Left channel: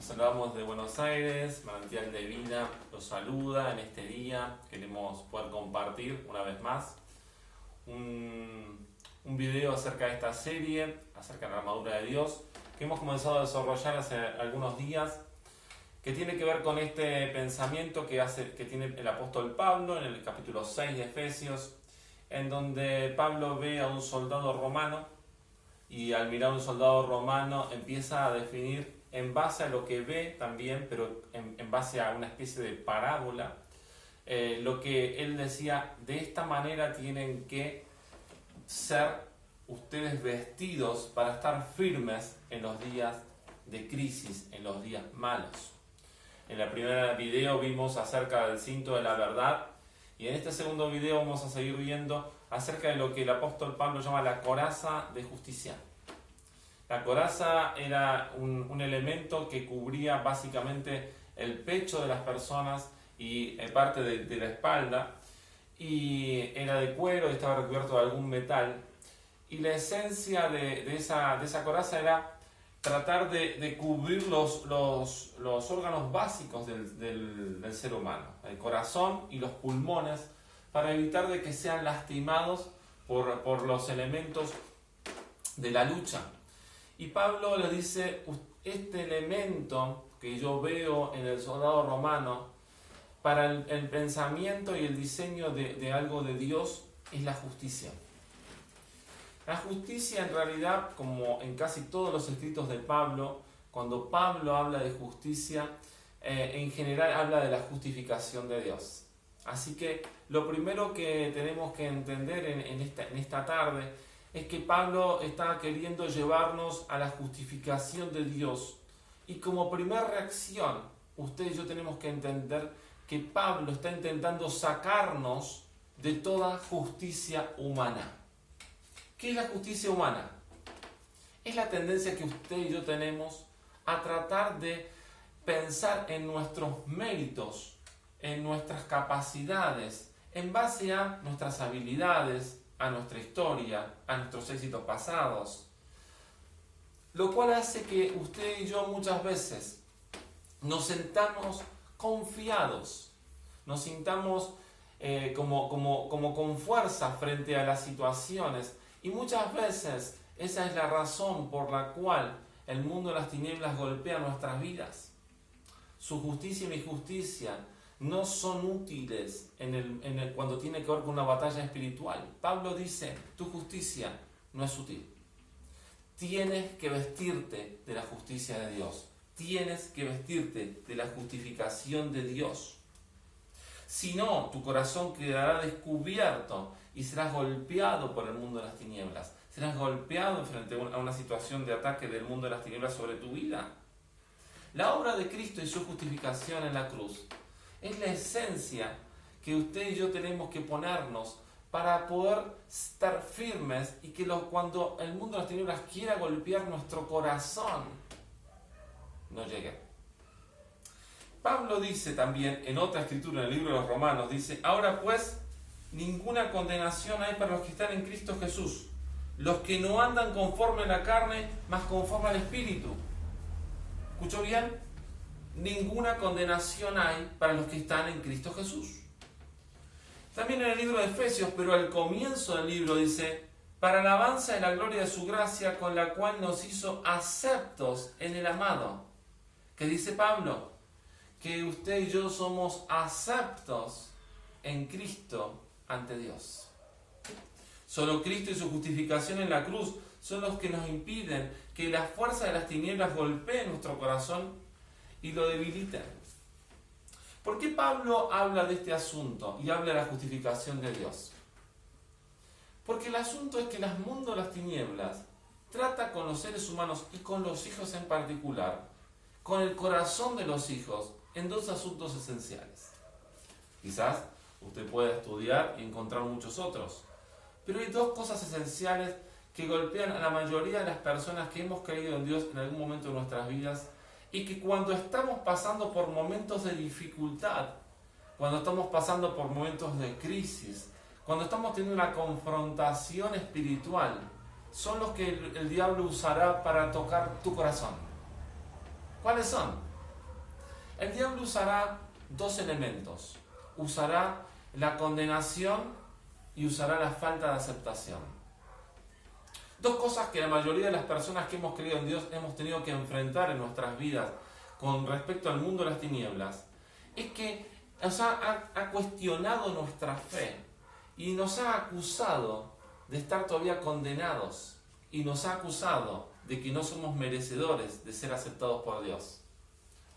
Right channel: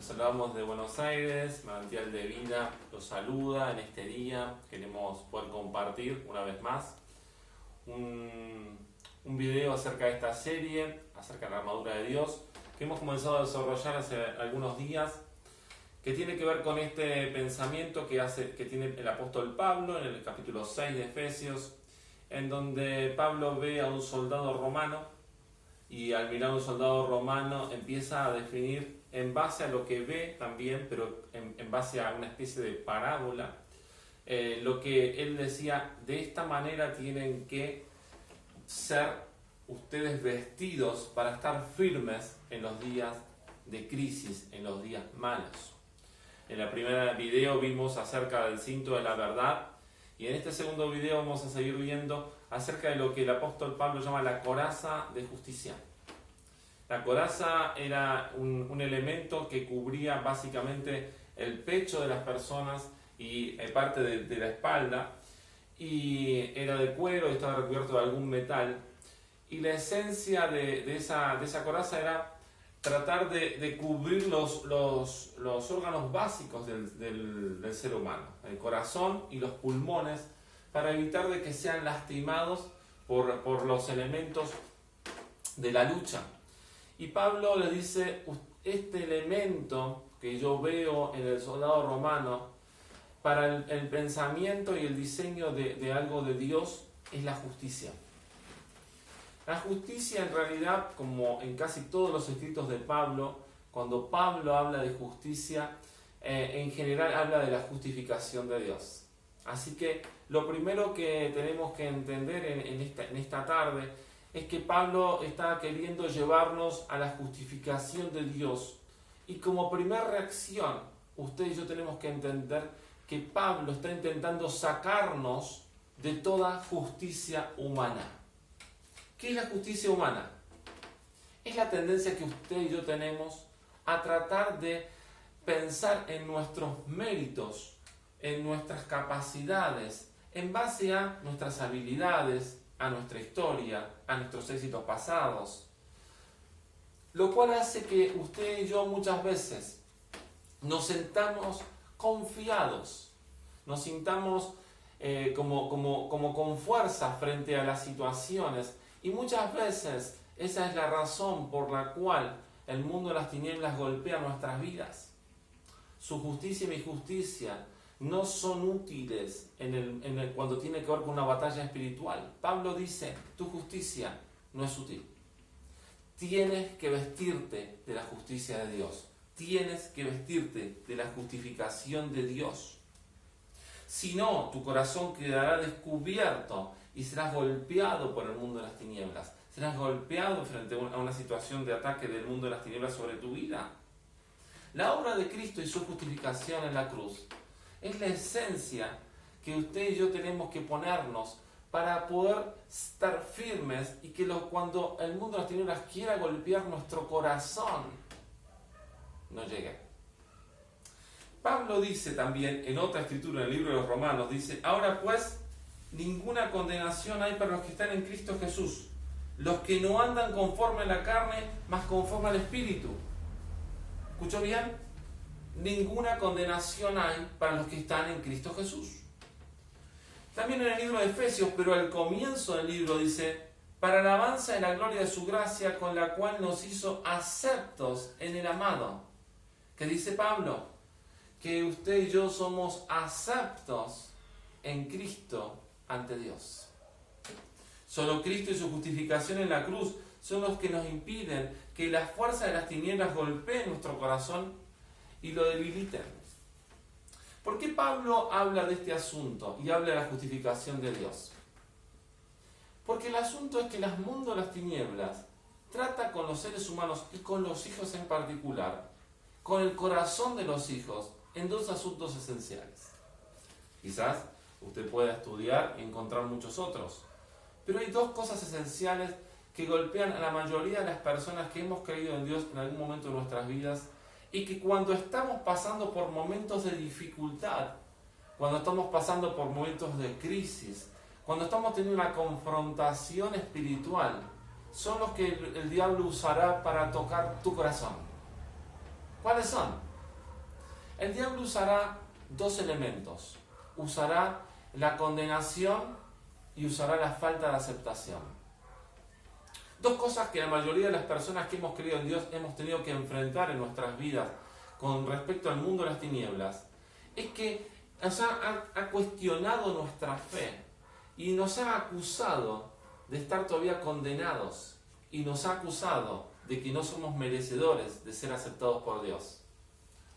Los saludamos de Buenos Aires, Manantial de Vida los saluda en este día. Queremos poder compartir una vez más un video acerca de esta serie, acerca de la armadura de Dios, que hemos comenzado a desarrollar hace algunos días, que tiene que ver con este pensamiento que tiene el apóstol Pablo en el capítulo 6 de Efesios, en donde Pablo ve a un soldado romano y al mirar a un soldado romano empieza a definir en base a lo que ve también, pero en base a una especie de parábola, lo que él decía: de esta manera tienen que ser ustedes vestidos para estar firmes en los días de crisis, en los días malos. En el primer video vimos acerca del cinto de la verdad, y en este segundo video vamos a seguir viendo acerca de lo que el apóstol Pablo llama la coraza de justicia. La coraza era un elemento que cubría básicamente el pecho de las personas y parte de la espalda, y era de cuero y estaba recubierto de algún metal. Y la esencia de esa coraza era tratar de cubrir los órganos básicos del ser humano, el corazón y los pulmones, para evitar de que sean lastimados por los elementos de la lucha. Y Pablo le dice: este elemento que yo veo en el soldado romano para el pensamiento y el diseño de algo de Dios es la justicia. La justicia, en realidad, como en casi todos los escritos de Pablo, cuando Pablo habla de justicia, en general habla de la justificación de Dios. Así que lo primero que tenemos que entender en esta tarde es que Pablo está queriendo llevarnos a la justificación de Dios. Y como primera reacción, usted y yo tenemos que entender que Pablo está intentando sacarnos de toda justicia humana. ¿Qué es la justicia humana? Es la tendencia que usted y yo tenemos a tratar de pensar en nuestros méritos, en nuestras capacidades, en base a nuestras habilidades, a nuestra historia, a nuestros éxitos pasados. Lo cual hace que usted y yo muchas veces nos sintamos confiados, nos sintamos como con fuerza frente a las situaciones. Y muchas veces esa es la razón por la cual el mundo de las tinieblas golpea nuestras vidas. Su justicia y mi justicia no son útiles cuando tiene que ver con una batalla espiritual. Pablo dice: tu justicia no es útil. Tienes que vestirte de la justicia de Dios. Tienes que vestirte de la justificación de Dios. Si no, tu corazón quedará descubierto y serás golpeado por el mundo de las tinieblas. Serás golpeado frente a una situación de ataque del mundo de las tinieblas sobre tu vida. La obra de Cristo y su justificación en la cruz es la esencia que usted y yo tenemos que ponernos para poder estar firmes, y que cuando el mundo de las tinieblas quiera golpear nuestro corazón, no llegue. Pablo dice también en otra escritura, en el libro de los Romanos, dice: ahora pues, ninguna condenación hay para los que están en Cristo Jesús, los que no andan conforme a la carne, mas conforme al Espíritu. ¿Escuchó bien? Ninguna condenación hay para los que están en Cristo Jesús. También en el libro de Efesios, pero al comienzo del libro dice: para alabanza de la gloria de su gracia, con la cual nos hizo aceptos en el amado. ¿Qué dice Pablo? Que usted y yo somos aceptos en Cristo ante Dios. Solo Cristo y su justificación en la cruz son los que nos impiden que la fuerza de las tinieblas golpee nuestro corazón y lo debiliten. ¿Por qué Pablo habla de este asunto y habla de la justificación de Dios? Porque el asunto es que el mundo de las tinieblas trata con los seres humanos y con los hijos en particular, con el corazón de los hijos, en dos asuntos esenciales. Quizás usted pueda estudiar y encontrar muchos otros, pero hay dos cosas esenciales que golpean a la mayoría de las personas que hemos creído en Dios en algún momento de nuestras vidas, y que cuando estamos pasando por momentos de dificultad, cuando estamos pasando por momentos de crisis, cuando estamos teniendo una confrontación espiritual, son los que el diablo usará para tocar tu corazón. ¿Cuáles son? El diablo usará dos elementos. Usará la condenación y usará la falta de aceptación. Dos cosas que la mayoría de las personas que hemos creído en Dios hemos tenido que enfrentar en nuestras vidas con respecto al mundo de las tinieblas, es que nos ha cuestionado nuestra fe y nos ha acusado de estar todavía condenados y nos ha acusado de que no somos merecedores de ser aceptados por Dios.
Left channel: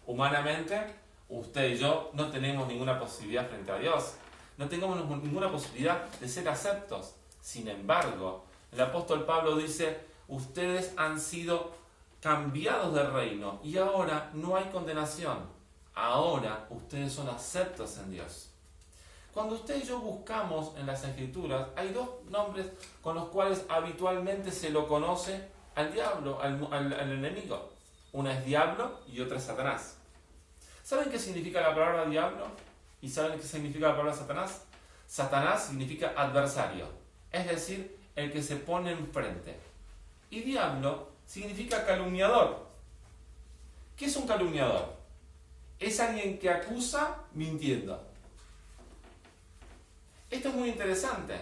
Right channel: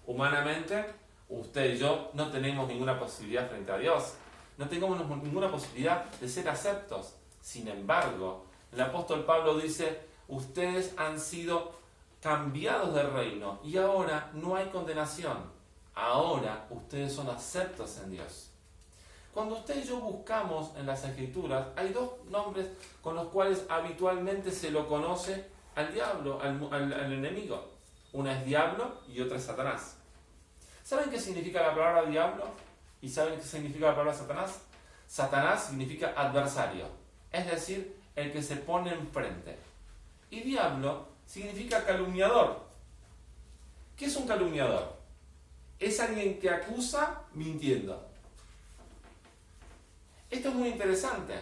Humanamente, usted y yo no tenemos ninguna posibilidad frente a Dios, no tenemos ninguna posibilidad de ser aceptos. Sin embargo, el apóstol Pablo dice, ustedes han sido cambiados de reino y ahora no hay condenación. Ahora ustedes son aceptos en Dios. Cuando usted y yo buscamos en las Escrituras, hay dos nombres con los cuales habitualmente se lo conoce al diablo, al enemigo. Una es diablo y otra es Satanás. ¿Saben qué significa la palabra diablo? ¿Y saben qué significa la palabra Satanás? Satanás significa adversario, es decir, el que se pone enfrente. Y diablo significa calumniador. ¿Qué es un calumniador? Es alguien que acusa mintiendo. Esto es muy interesante,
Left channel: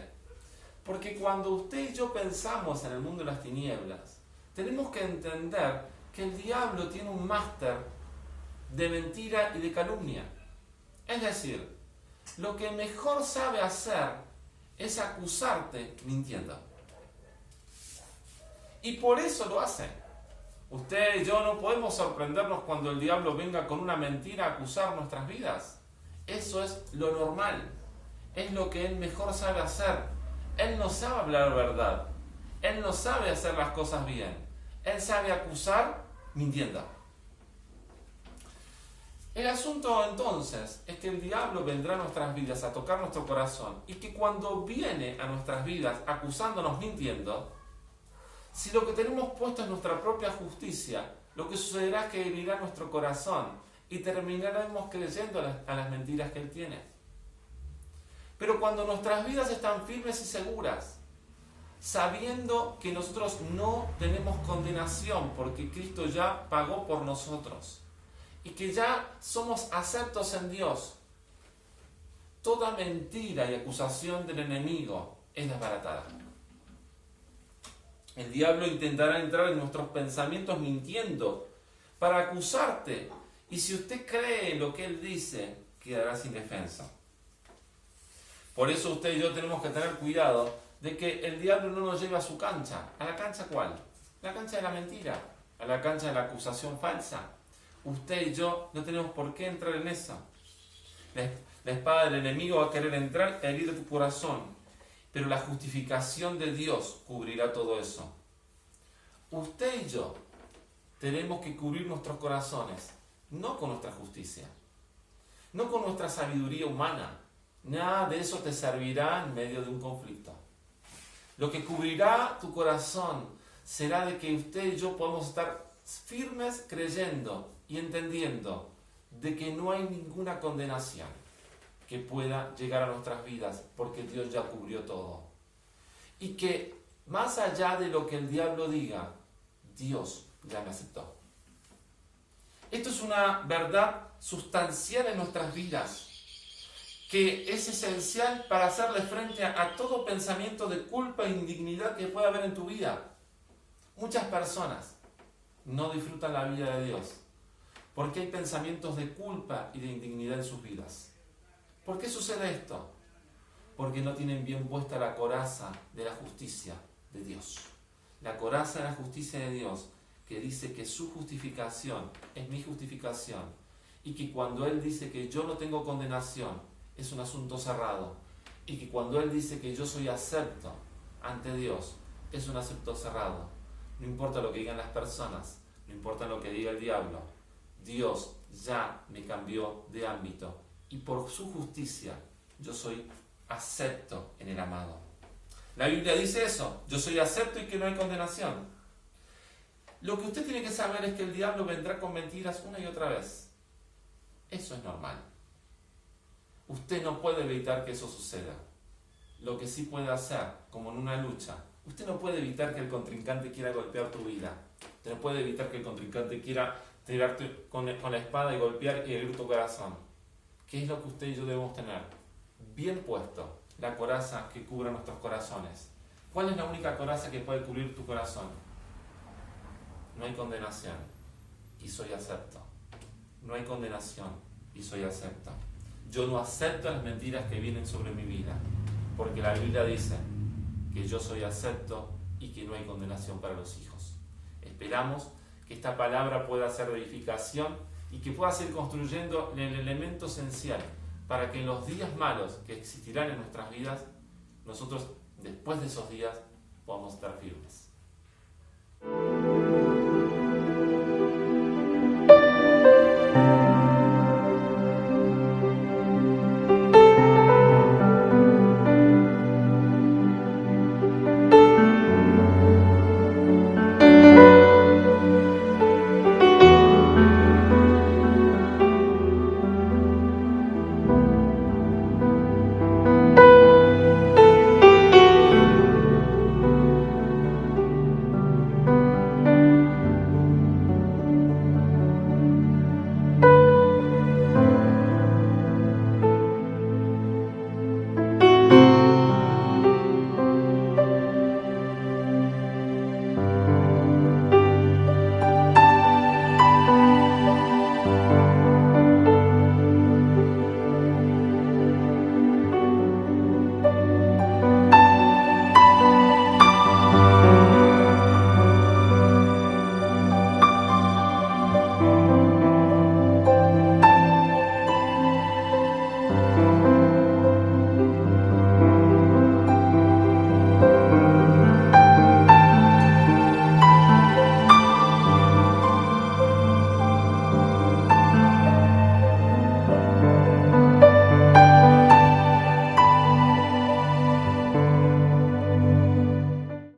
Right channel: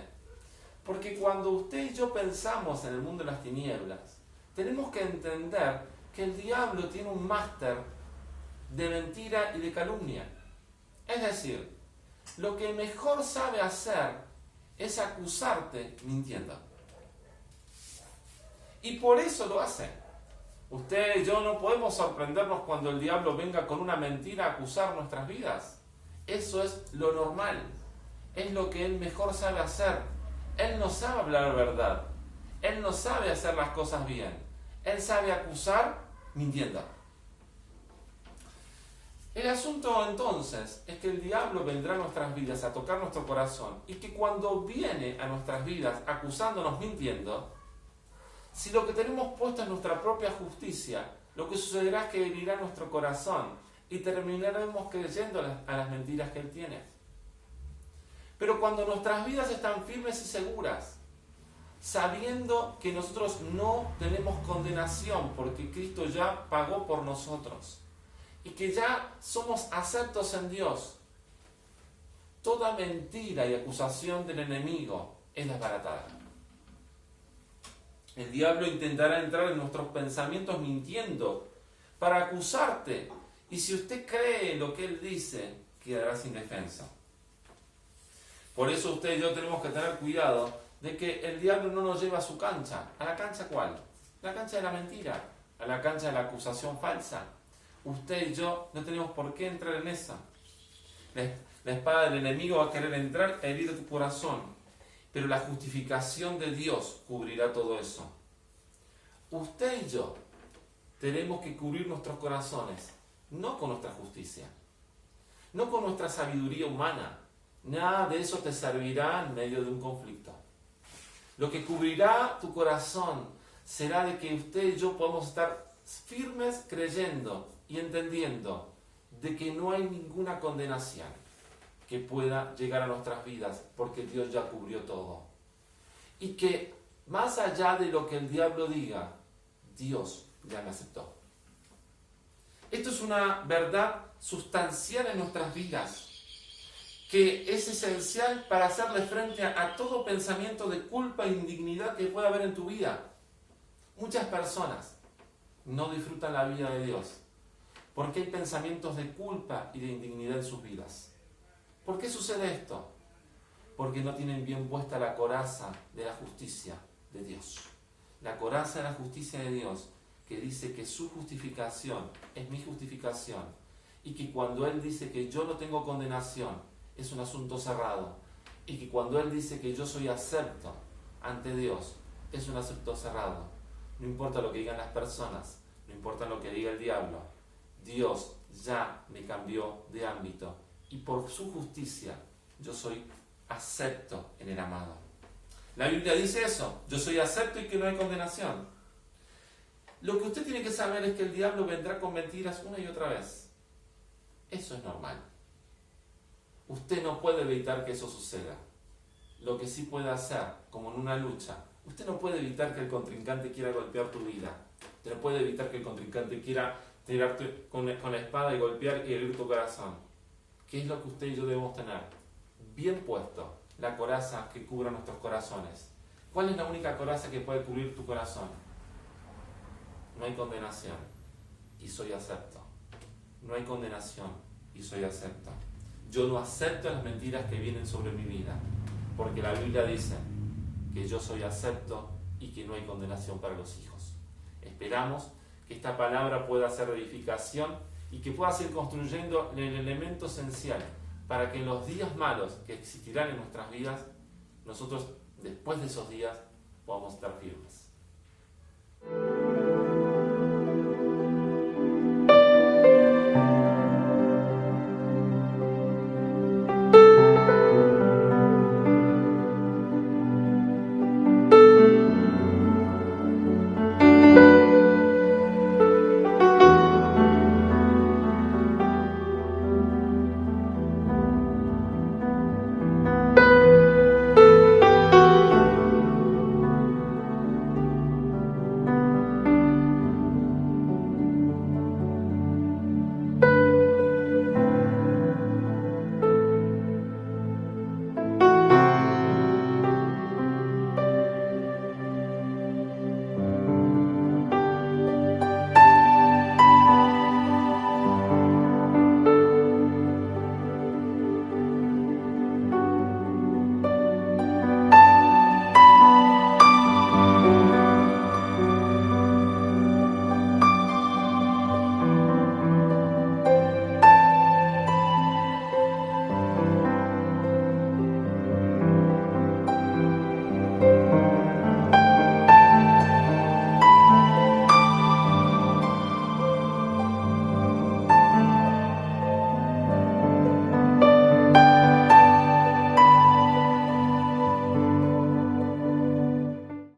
porque cuando usted y yo pensamos en el mundo de las tinieblas, tenemos que entender que el diablo tiene un máster de mentira y de calumnia. Es decir, lo que mejor sabe hacer es acusarte mintiendo. Y por eso lo hace. Usted y yo no podemos sorprendernos cuando el diablo venga con una mentira a acusar nuestras vidas. Eso es lo normal. Es lo que él mejor sabe hacer. Él no sabe hablar verdad. Él no sabe hacer las cosas bien. Él sabe acusar mintiendo. El asunto entonces es que el diablo vendrá a nuestras vidas a tocar nuestro corazón y que cuando viene a nuestras vidas acusándonos mintiendo, si lo que tenemos puesto es nuestra propia justicia, lo que sucederá es que herirá nuestro corazón y terminaremos creyendo a las mentiras que él tiene. Pero cuando nuestras vidas están firmes y seguras, sabiendo que nosotros no tenemos condenación porque Cristo ya pagó por nosotros y que ya somos aceptos en Dios, toda mentira y acusación del enemigo es desbaratada. El diablo intentará entrar en nuestros pensamientos mintiendo para acusarte, y si usted cree lo que él dice, quedará sin defensa. Por eso usted y yo tenemos que tener cuidado de que el diablo no nos lleve a su cancha. ¿A la cancha cuál? La cancha de la mentira, a la cancha de la acusación falsa. Usted y yo no tenemos por qué entrar en esa. La espada del enemigo va a querer entrar a herir tu corazón, pero la justificación de Dios cubrirá todo eso. Usted y yo tenemos que cubrir nuestros corazones, no con nuestra justicia, no con nuestra sabiduría humana. Nada de eso te servirá en medio de un conflicto. Lo que cubrirá tu corazón será de que usted y yo podamos estar firmes creyendo y entendiendo de que no hay ninguna condenación que pueda llegar a nuestras vidas porque Dios ya cubrió todo. Y que más allá de lo que el diablo diga, Dios ya me aceptó. Esto es una verdad sustancial en nuestras vidas, que es esencial para hacerle frente a todo pensamiento de culpa e indignidad que pueda haber en tu vida. Muchas personas no disfrutan la vida de Dios porque hay pensamientos de culpa y de indignidad en sus vidas. ¿Por qué sucede esto? Porque no tienen bien puesta la coraza de la justicia de Dios. La coraza de la justicia de Dios, que dice que su justificación es mi justificación y que cuando Él dice que yo no tengo condenación, es un asunto cerrado, y que cuando Él dice que yo soy acepto ante Dios, es un acepto cerrado. No importa lo que digan las personas, no importa lo que diga el diablo, Dios ya me cambió de ámbito y por su justicia yo soy acepto en el amado. La Biblia dice eso, yo soy acepto y que no hay condenación. Lo que usted tiene que saber es que el diablo vendrá con mentiras una y otra vez. Eso es normal. Usted no puede evitar que eso suceda. Lo que sí puede hacer, como en una lucha, usted no puede evitar que el contrincante quiera golpear tu vida. Usted no puede evitar que el contrincante quiera tirarte con la espada y golpear y herir tu corazón. ¿Qué es lo que usted y yo debemos tener? Bien puesto, la coraza que cubra nuestros corazones. ¿Cuál es la única coraza que puede cubrir tu corazón? No hay condenación y soy acepto. No hay condenación y soy acepto. Yo no acepto las mentiras que vienen sobre mi vida, porque la Biblia dice que yo soy acepto y que no hay condenación para los hijos. Esperamos que esta palabra pueda ser de edificación y que pueda seguir construyendo el elemento esencial para que en los días malos que existirán en nuestras vidas, nosotros después de esos días podamos estar firmes.